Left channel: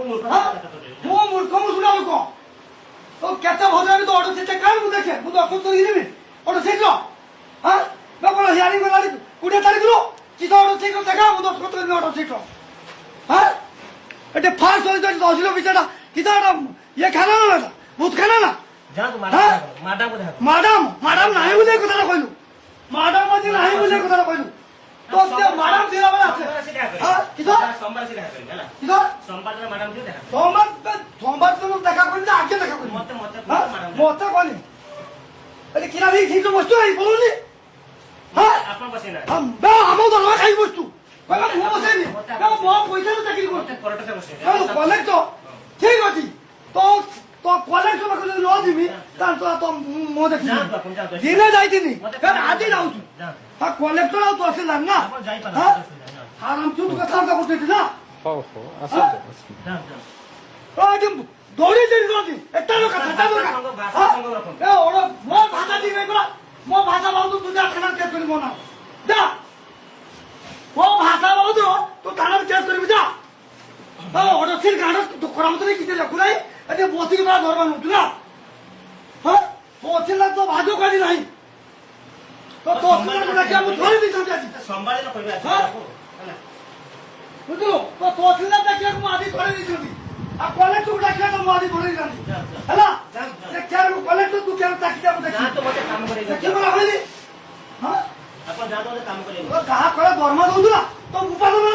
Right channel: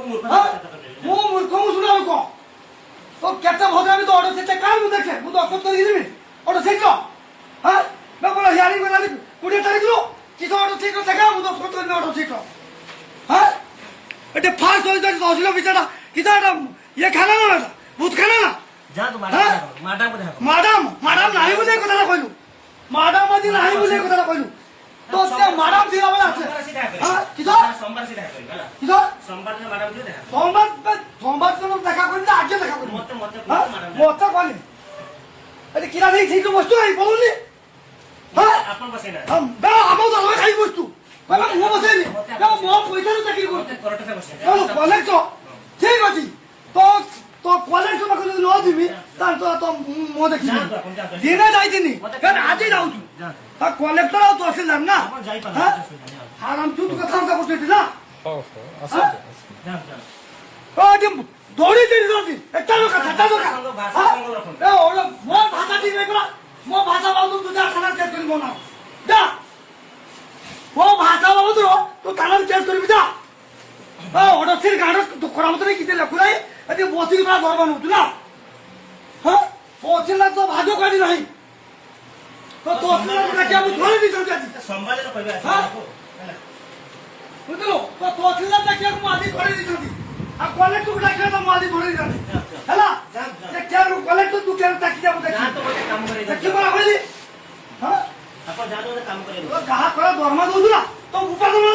ମୁଁ ମୂର୍ଖ ମୁଁ ଶୁଣାଉ କଣ ତ କେତେ ଭଦ୍ରାମୀ ତ ଅର୍ଡର ସେଟା କାହାର ମୁଁ ଦେଖେ ମୁଁ ତ ଅସତ କରିଦେବି ଅର୍ଡର ସେଇଠ হ্যাঁ না বলো হিয়ারিং বেলা 20 তারিখରୁ কিটো অর্ডর সেইট দেখা ମୁଁ ତ ଅସତ କରିବି ଅର୍ଡର ସେଇଠ হ্যাঁ এটা ফার্স্ট হইছে দশল বিচারা কিটা ইয়ে খানা না ভূত খানা না যা তো ম্যাডাম को देखा ম্যাডাম নাই বুঝে কথাটা কইলু ম্যাডাম মদি নাই বুঝে কথাটা কইলু তো সে ম্যাডাম দিলা বেলা আছে হ্যাঁ কিটা সোমবার সে দেখা করিলা কিটা সোমবার না ম্যাডাম को দেখা সোমবার তো দেখা করি না আগে দেখা করি মতে ম্যাডাম মতে কইনি এটা কিরা দেই সেই তো বস্তু আই বলুনি হ্যাঁ আপনার বসে না বে আমো তো আমার খাই বস্তু বাবা মো বসে নি বে মো পয়সা তো চাকরি করতে করতে বসে কলেজ তো ঠিক আছে তো তো কলেজ তো বাকি ন দিবি তার তো তো মো দেখি দিনে যাইতিনি ফের আজই যাউছু হ্যাঁ কলেক্টর আউ তহসিলদার না হ্যাঁ আরাম চুপ কথা করতে না ও যে দৌড়ি দিলি দিদি একটা লোক কথা ভাষা সংগ্রহ এ ওরা মো ভাষা দি রে করা মো ভাষা বাবু তুই যা থানা কেস করিব না যা মো ভাষা বাবু তো থানা কেস করিবি যা হ্যাঁ ওরা সির গাড় তো করা মত কি দিলে কুলাই এতে বসির কা ধরবা নতু না হ্যাঁ বসিলা তো ভাজো করি নাই তো তো দেখি আমি ধরে দিছি সোমবারে তো কইবে হ্যাঁ বুঝলো তো তহসিলদার দেখি আমি আদি করে দিছি আর কলেক্টর ডাকলে তো মাদি ধরে দিছি হেলা যে কেন কলেক্টর তু কেন চাকরি যাব দেখি যা তো মতে কাম করে দেখি বলা হইলি হ্যাঁ আপন যা তো মতে কাম করে তো কাহা করে দরমা দউলা তো উপাদন